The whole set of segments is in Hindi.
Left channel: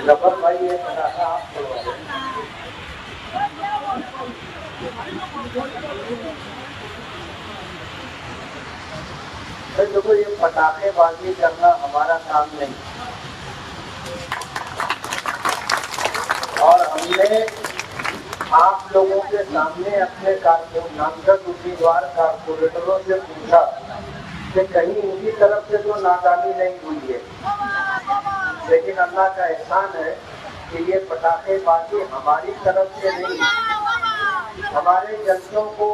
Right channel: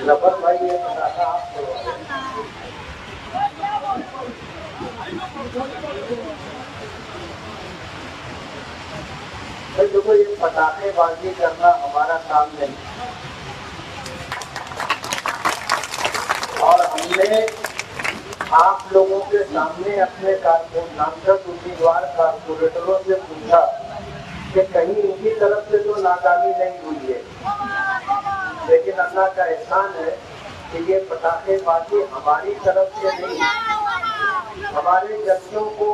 जफर भाई ये पटाखा आप छोड़वा दें। देखो ये पटाखेबाजी करना हमारा काम नहीं और हमने आप लोगों के सामने अपने नामजद उम्मीदवार कारपोरेटरों से पूछा कि कहीं इनकी तरफ से तो नाकामी नहीं हुई है, लेकिन अल्लाह का एहसान है कि ये पटाखेबाजी हमारी तरफ से नहीं, हमारे जजों को,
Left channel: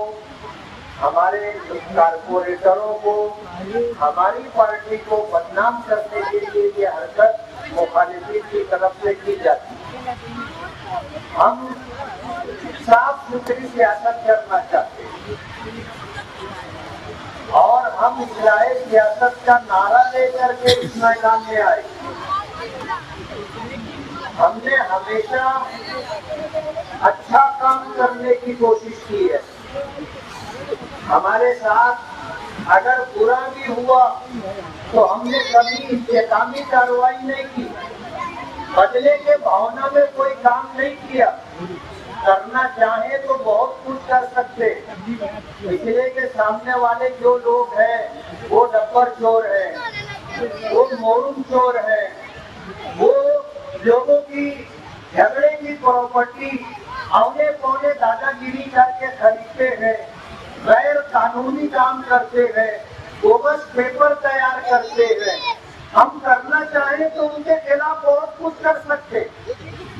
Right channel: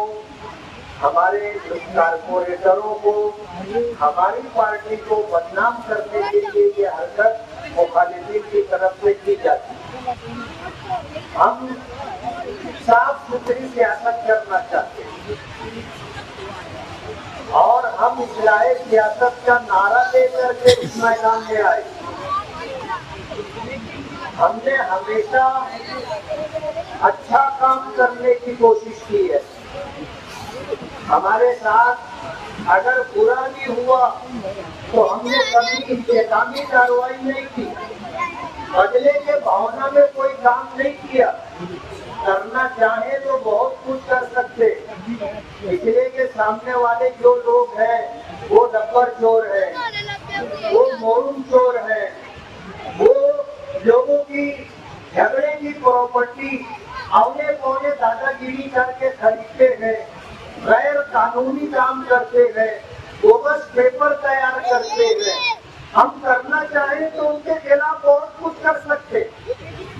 हमारे कारपोरेटरों को, हमारी पार्टी को बदनाम करने के लिए ये हरकत मुखालिफिन की तरफ से की जाती है। हम साफ सुथरी सियासत करना चाहते हैं और हम इस्लाही सियासत का नारा लेकर के इस मैदान में आए। हमने हमेशा अच्छा काम करने की कोशिश की है। हमारे साथ अगर बुरा भी हुआ तो हमने कभी इंतकामी कार्रवाई नहीं की, बदले के भावना में कोई काम नहीं किया। करना चाहे तो बहुत कुछ कर सकते, पिछले के सामने वाले जो लोग हैं वो डब्बर चोर है, वो मोरून चोर है, वो लोगों की झगड़े की प्रॉपर्टी औने पौने दादागिरी करके खरीदते हैं, गैर कानूनी काम करते हैं, बोगस पेपर तैयार करते हैं। हम करना चाहें तो उनके खिलाफ बहुत कुछ कर सकते,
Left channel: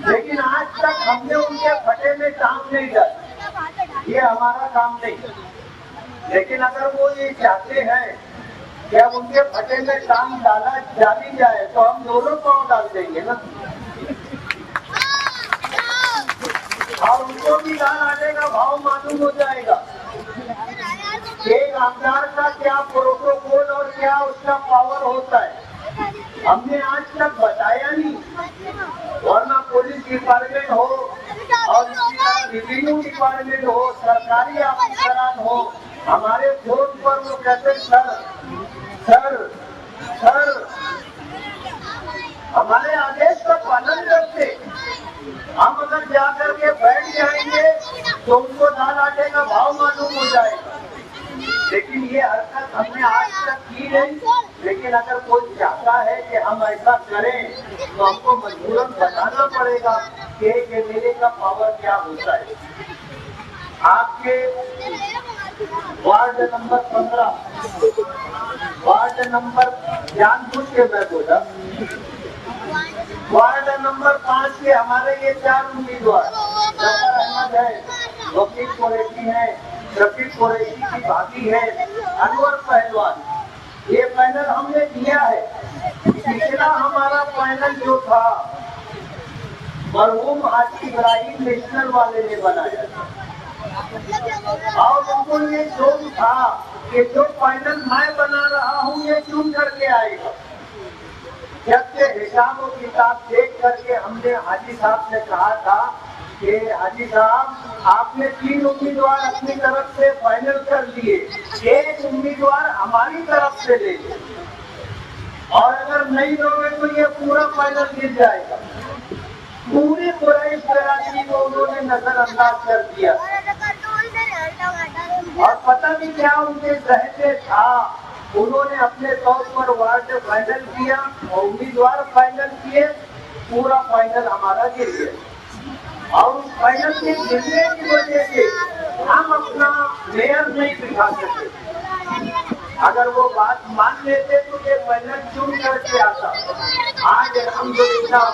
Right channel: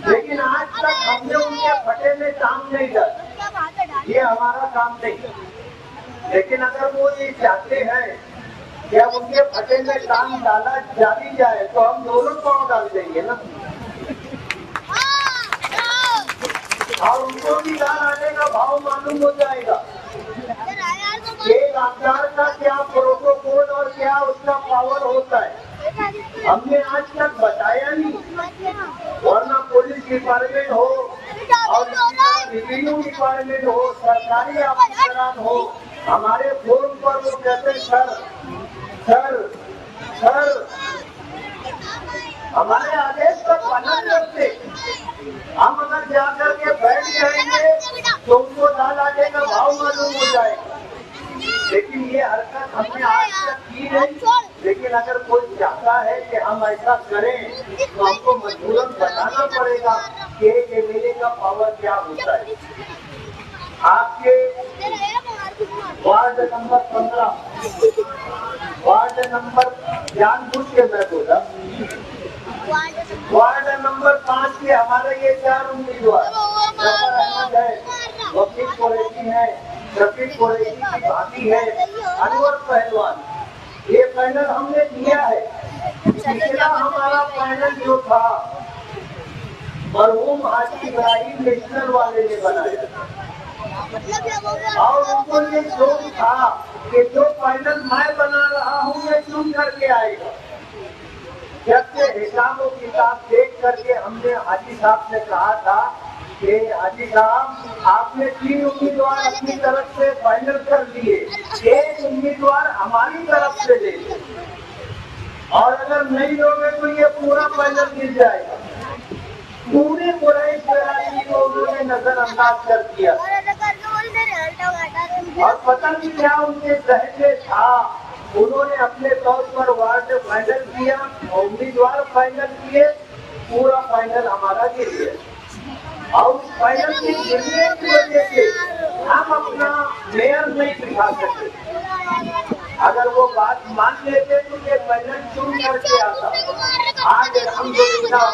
लेकिन आज तक हमने उनके फटे में टांग नहीं डाली, ये हमारा काम नहीं। लेकिन अगर वो ये चाहते हैं कि अब उनके फटे में टांग डाली जाए तो हम दोनों पांव डाल देंगे ना, और उनको भी दाल आने का भाव मालूम हो जाएगा। एक आधार का क्या प्रोटोकॉल और क्या उसका पावर होता है हमने आज तक बताया नहीं, वरना पुलिस डिपार्टमेंट हो और इसी तरह रेवेन्यू डिपार्टमेंट हो, सरकारी अफसरान हो, हमारे फोन पर वो कहते सर सर सर, हमारे आदेश का पालन करते। हम अगर जाकर के बैठ जाएंगे तो उनको दाल आटे का भाव मालूम हो जाएगा। लेकिन ये हरकत हमने आज तक की नहीं, लेकिन अगर कोई चाहता है कि हम ऐसा करें तो हमको मजबूरन बताना पड़ेगा कि मेरे का पावर क्या होता है। आपके वार्ड नंबर 15, वार्ड नंबर जानबूझ के मैं बोला, वार्ड नंबर 5 के हमारे ये 4 उम्मीदवार जफर अहमद है, वकील कुरैशी है, रफीक कुरैशी की भाभी है, अनवर पहलवान, ये पैनल हमने दिया है। पिछला हमारा पैनल जो था मरहूम हाजी इब्राहिम नेशनल वाले ने बनाया और उनको ये शौक था कि जो पैनल मैं बना रहा हूँ ये चुन करके आएगा। जब से हिसाब और किताब देख करके हमने हाजी साहब से कहा था कि हाजी साहब आपने 3 उम्मीदवार अपनी तरफ से फाइनल कर दिए, 1 उम्मीदवार हमारी तरफ से ले लो और अगर नहीं होगे तो ये पूरा फाइनल गिर जाएगा। पूरे बुराई कराची को उन्होंने नजरअंदाज कर दिया और पता नहीं क्या उनके लहजे था, उन्होंने अपने तौर पर वार्ड फाइनल किया, उम्मीदवार फाइनल किए, पूरा फाइनल हमारा गिर गया। और उस फाइनल के गिरने की वजह से हम अपना मेयर नहीं दिखा सकते। अगर वो बात मान लेते तो ये फाइनल चुन करके आता। आज अल्हम्दुलिल्लाह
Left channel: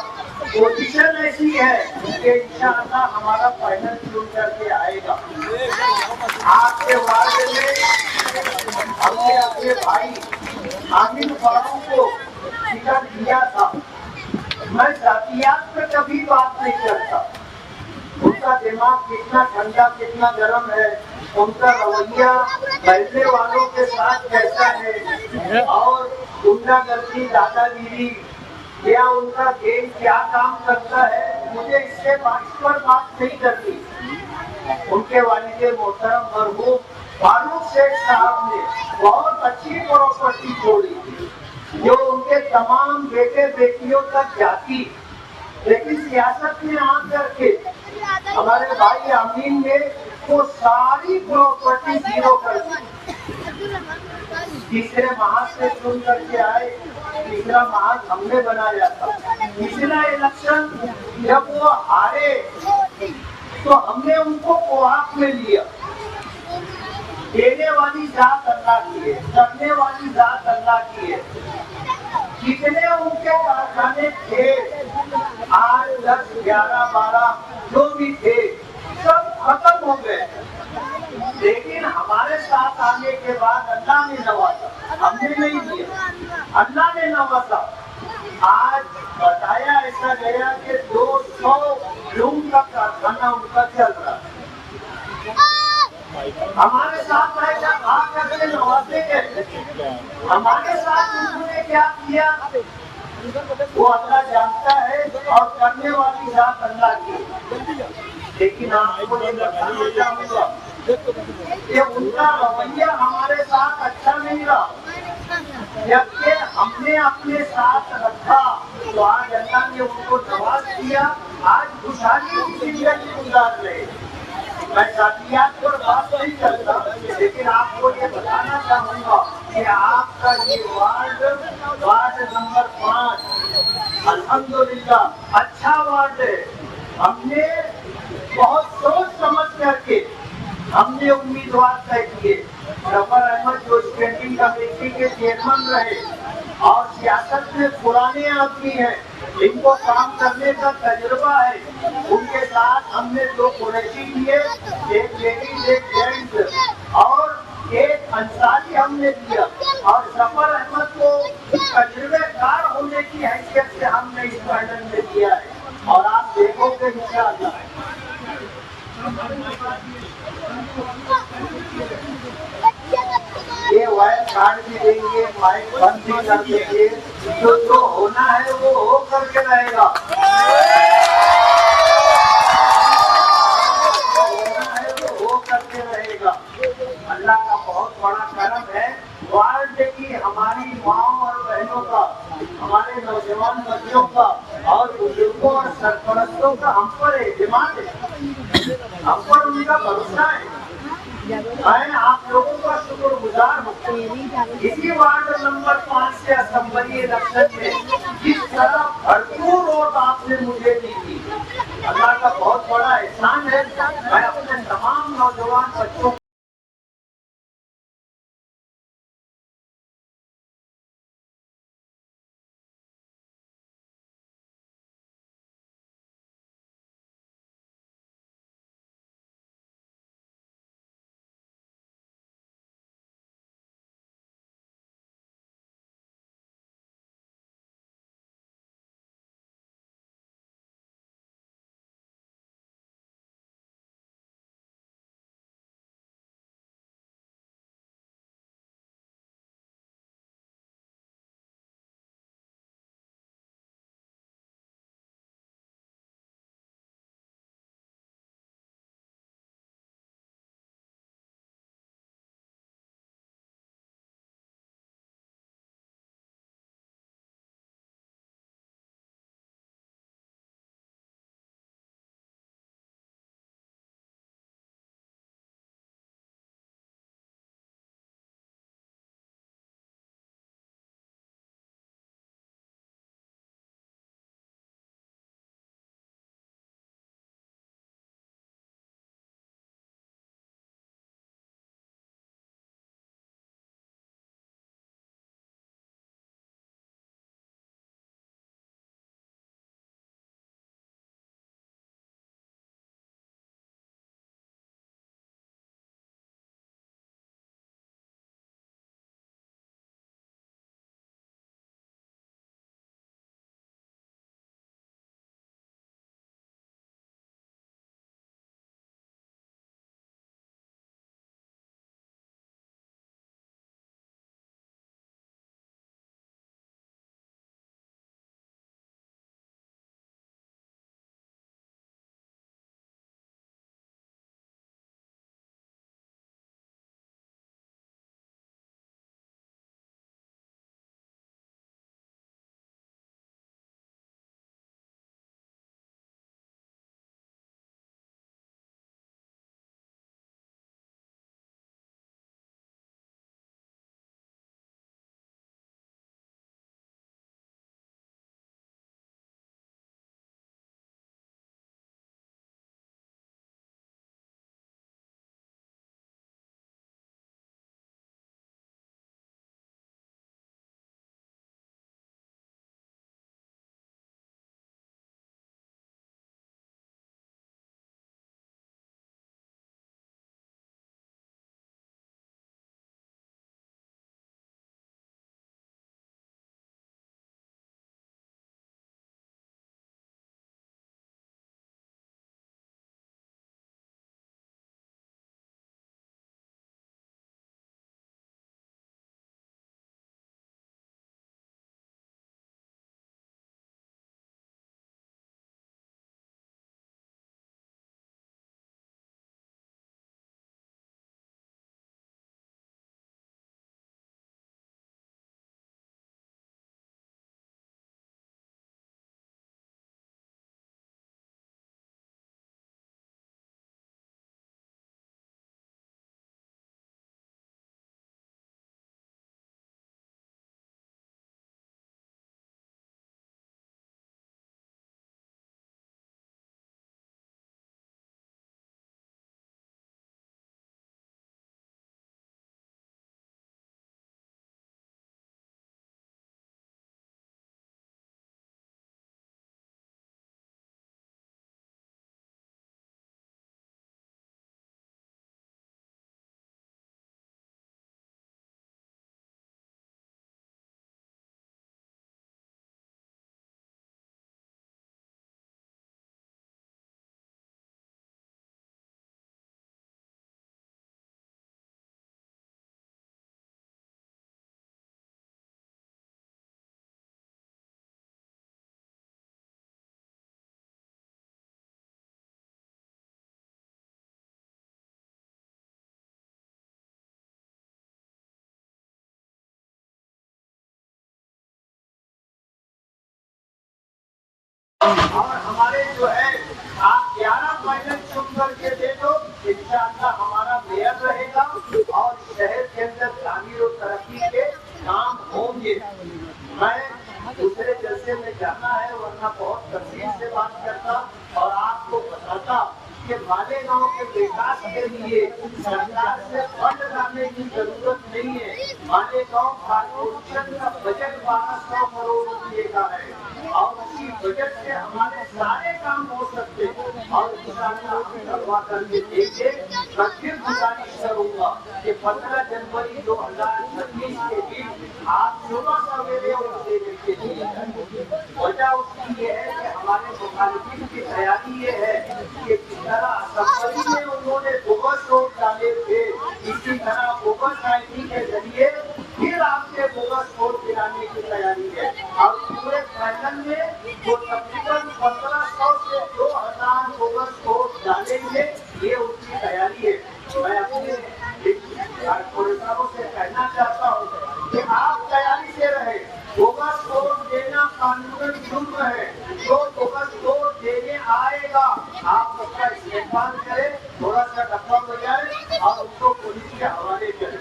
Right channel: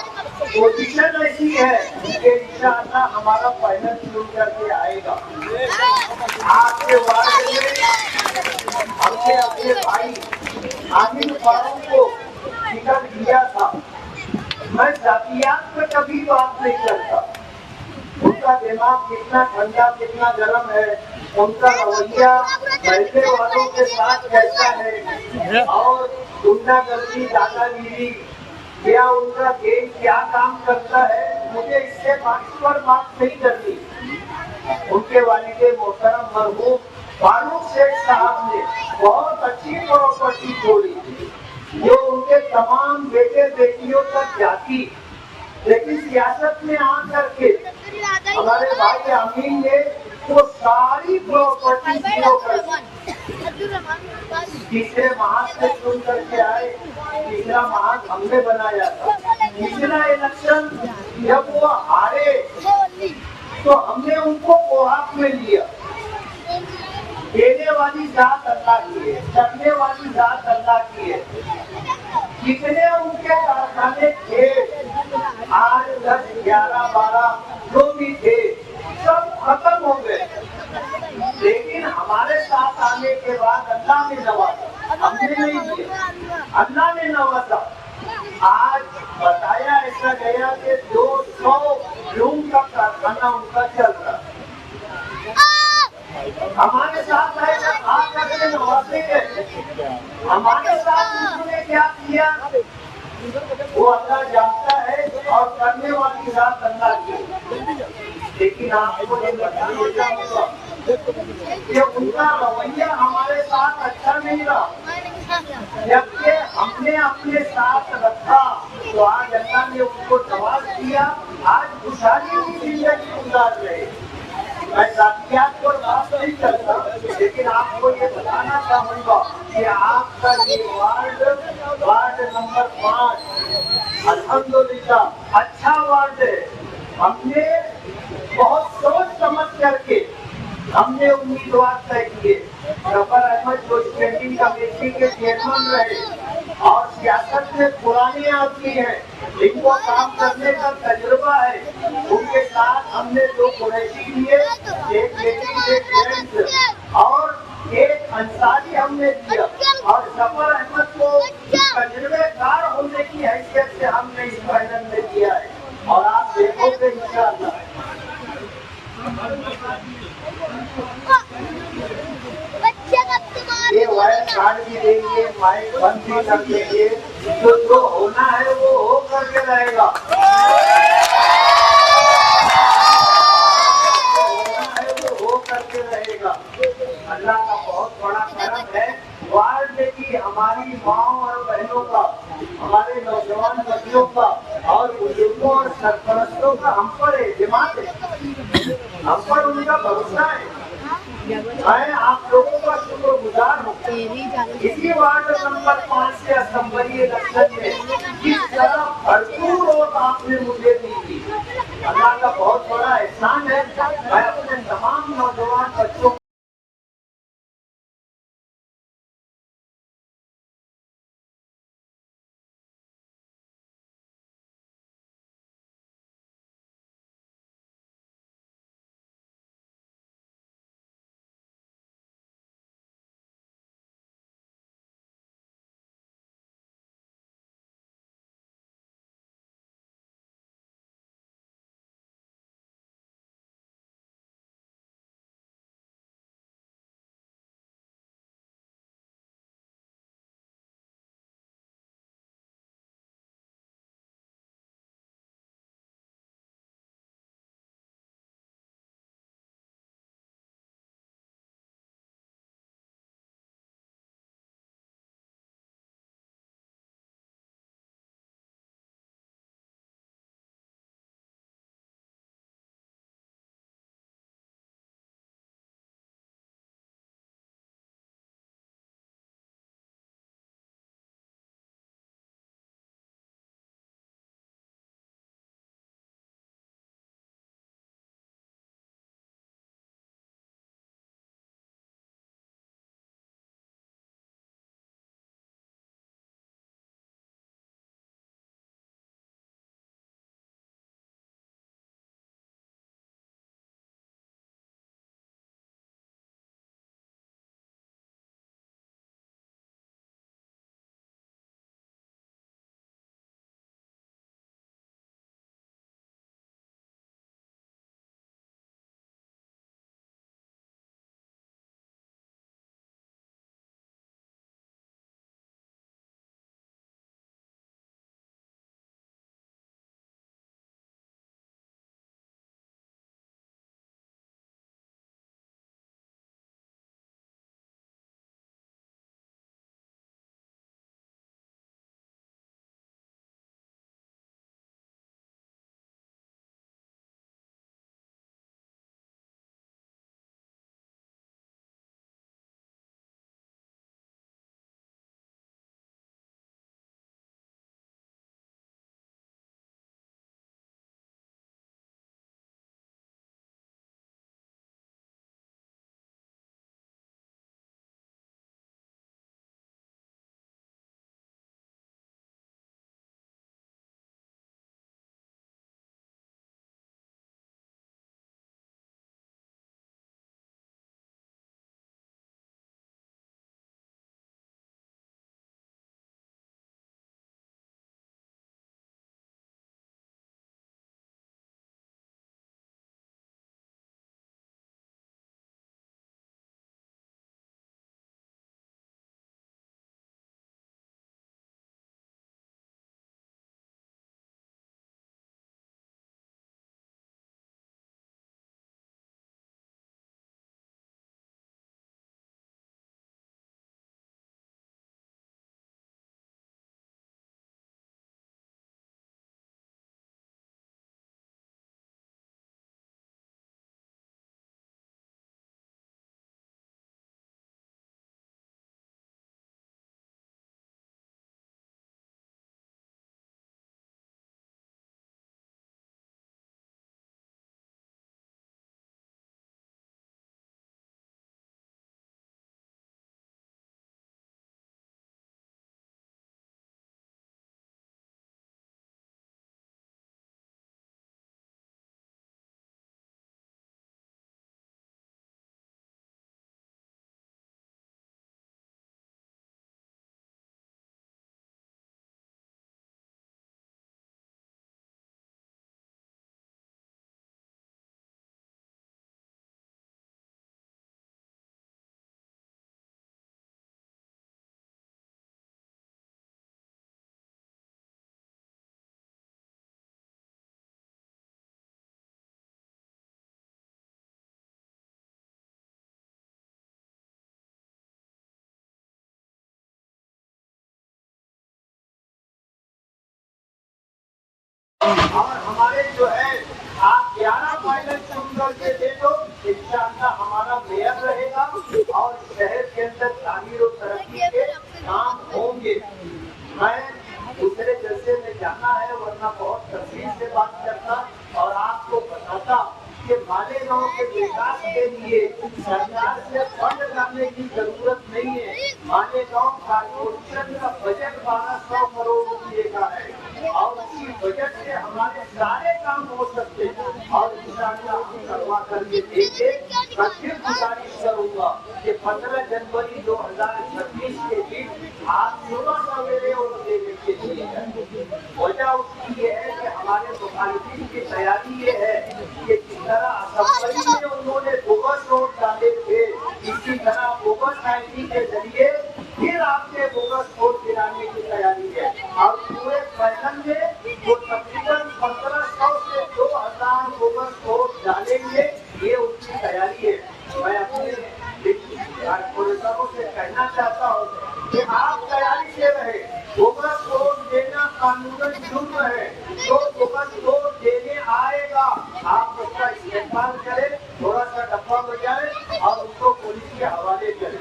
पोजीशन ऐसी है कि इंशाअल्लाह हमारा फाइनल चुन करके आएगा। आपके वार्ड में हमने अपने भाई आमिर फारूक को टिकट दिया था। मैं जातियात में कभी बात नहीं करता, उनका दिमाग कितना ठंडा कितना गर्म है, उनका रवैया महल्ले वालों के साथ कैसा है और गुंडागर्दी दादागिरी या उनका गेम क्या काम करता है, मुझे इससे बात नहीं करनी। उनके वालिद मोहतरम मरहूम फारूक शेख साहब ने बहुत अच्छी प्रॉपर्टी छोड़ी थी जो उनके तमाम बेटे बेटियों तक जाती, लेकिन सियासत में आकर के हमारे भाई अमीन ने वो सारी प्रॉपर्टी जीरो कर दी। तीसरे महाज से चुन करके आए, तीसरा महाज हमने बनाया था। तीसरा इलेक्शन जब वो हारे तो हमने उनको कोआप में लिया। देने वाली जात अल्लाह की है, करने वाली जात अल्लाह की है। कितने उनके कारखाने थे, 8, 10, 11, 12 जो भी थे सब खत्म हो गए, लेकिन हमारे साथ आने के बाद अल्लाह ने नवाजा, हमने नहीं दिया, अल्लाह ने नवाजा। आज बताया ऐसा गया कि 200 लूम का कारखाना उनका चल रहा है। हमारे साथ आएगा आकर के नवाजे के, हमारे साथ उन्होंने क्या किया वो अल्लाह जानता है और करने वाली जात अल्लाह की। लेकिन आपको ये बताना चाहूंगा कि उनका रवैया हमारे साथ अच्छा नहीं रहा। जबकि हमने अपने साथ रखा तो आज अल्लाह ने उनको नवाज दिया, आज खुशहाली की जिंदगी गुजार रहे। मैं जातियात पर बात नहीं करता, लेकिन आपको ये बताना चाहूंगा कि आपका ये वार्ड नंबर 5 अल्हम्दुलिल्लाह अच्छा वार्ड है। हमने बहुत सोच समझ करके हमने उम्मीदवार तय किए। जफर अहमद जो स्टैंडिंग कमेटी के चेयरमैन रहे और सियासत में पुराने आदमी हैं, इनको काम करने का तजुर्बा है, उनके साथ हमने 2 कुरैशी दिए, एक लेडीज एक जेंट्स और एक अंसारी हमने दिया, और जफर अहमद को तजुर्बेकार होने की हैसियत से हमने इस पैनल में दिया है। और आप देखोगे इंशाअल्लाह ये वायर कार्ड भी देंगे, माइक बंद भी कर देंगे, तो जो होना है वो हो करके रहेगा, होना है वो हो करके रहेगा। अल्लाह का बहुत बड़ा करम है वार्ड की हमारी माओ और बहनों का, हमारे नौजवान बच्चों का और बुजुर्गों और सरपरस्तों का हम पर एतमाद है, हम पर उनका भरोसा है। मैं आप लोगों का शुक्रगुजार हूँ। इसी वार्ड नंबर 5 से असेंबली इलेक्शन में जिस तरह भरपूर वोट आपने मुझे दी थी, अल्लाह का बहुत बड़ा एहसान है। मैं अपने तमाम नौजवान बच्चों और हमारे जो है आप 11 फाइनल चुन करके दे दो, इंशाअल्लाह हमारा मेयर रहेगा और शहर के अंदर तामीर और तरक्की के काम होंगे। मैं दूसरे जलसे में जाना है, वरना बहुत तफसील से बात करता और आपको बताता कि मालेगांव के विकास के लिए सरकार से फंड लाने की जरूरत नहीं है। मालेगांव कॉर्पोरेशन का बजट 1200 करोड़ रुपए का है और उसी बजट से हमारे सारे काम हो सकते हैं और इंशाअल्लाह हम करवा करके देंगे। मैं फिर गुजारिश करूंगा कि 15 जनवरी 2026 के बीच आप सुबह सवेरे और देने के लिए वजह उसकी ये है कि हमारे मुखालिफिन की तैयारी ये है कि जिस तरह असम्बली में उन्होंने बोगस वोट डाले थे, इसी तरह बोगस आईडी के जरिए फिर आपसे बोगस वोट गिराने की तैयारी है और पूरे पैनल में वो तकरीबन 1500 से 2000 बोगस वोट डालेंगे, ये उनकी तैयारी है। मैं अपने कॉर्पोरेटरों से कहना चाहता हूँ कि आप तैयारी से रहे। बोगस वोट देना कानूनन जुर्म है, तो बोगस वोट देने आएगा आप उसका इस्तेमाल करें, थोड़ा सा डब्बा बजाए और उसको पुलिस के हवाले करें।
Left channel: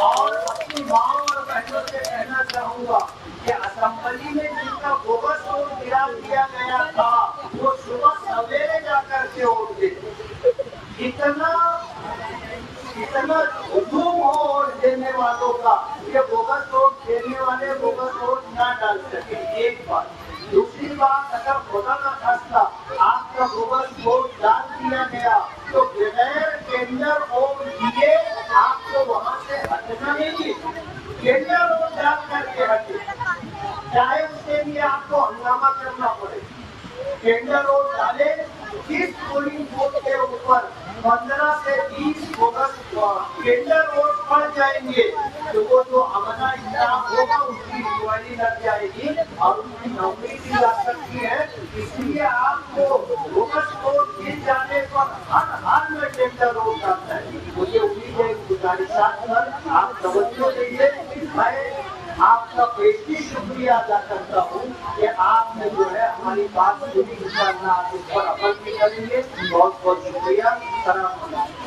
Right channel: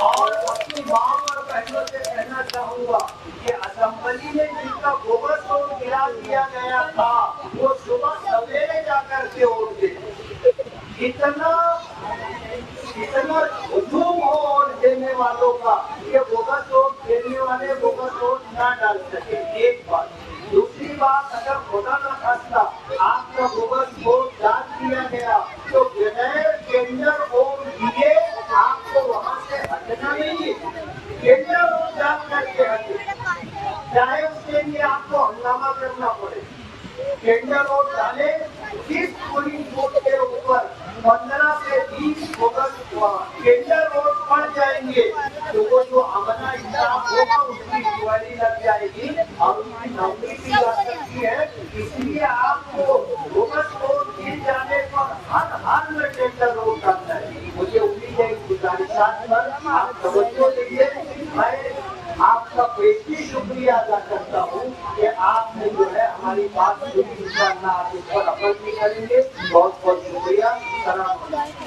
और अपनी माँ और बहनों से कहना चाहूंगा कि असेंबली में जिनका बोगस वोट गिरा दिया गया था, वो सुबह सवेरे जाकर के वोट दे। इतना हुजूम हो वोट देने वालों का, ये बोगस वोट देने वाले बोगस वोट ना डाल सके। एक बात। दूसरी बात, अगर खुदा का खास्ता आपका बोगस वोट डाल दिया गया तो बगैर टेंडर वोट दिए आपको वहां से हटना नहीं है। टेंडर वोट डाल करके हटे, चाहे उसके लिए आपको हंगामा करना पड़े। टेंडर वोट डाले, इस पोलिंग बूथ के ऊपर 15 से 20 बोगस टेंडर वोट पड़ जाएंगे तो वो जो अमला इंतजाम होगा उसकी इंक्वायरी लग जाएगी और उनकी नौकरी की जा सकती है। इसलिए आपको बोगस वोट दिए जाने पर हर हाल में टेंडर वोट करता है। मुझे उम्मीद है कि गुजारिशात पर आप तवज्जो दीजिए। मैं आपका बेहतरीन शुक्रिया अदा करता हूँ कि आपने जो है हमारी बात सुनी, इंशाअल्लाह आप इस पर अमल भी करेंगे। बहुत बहुत शुक्रिया। सलाम।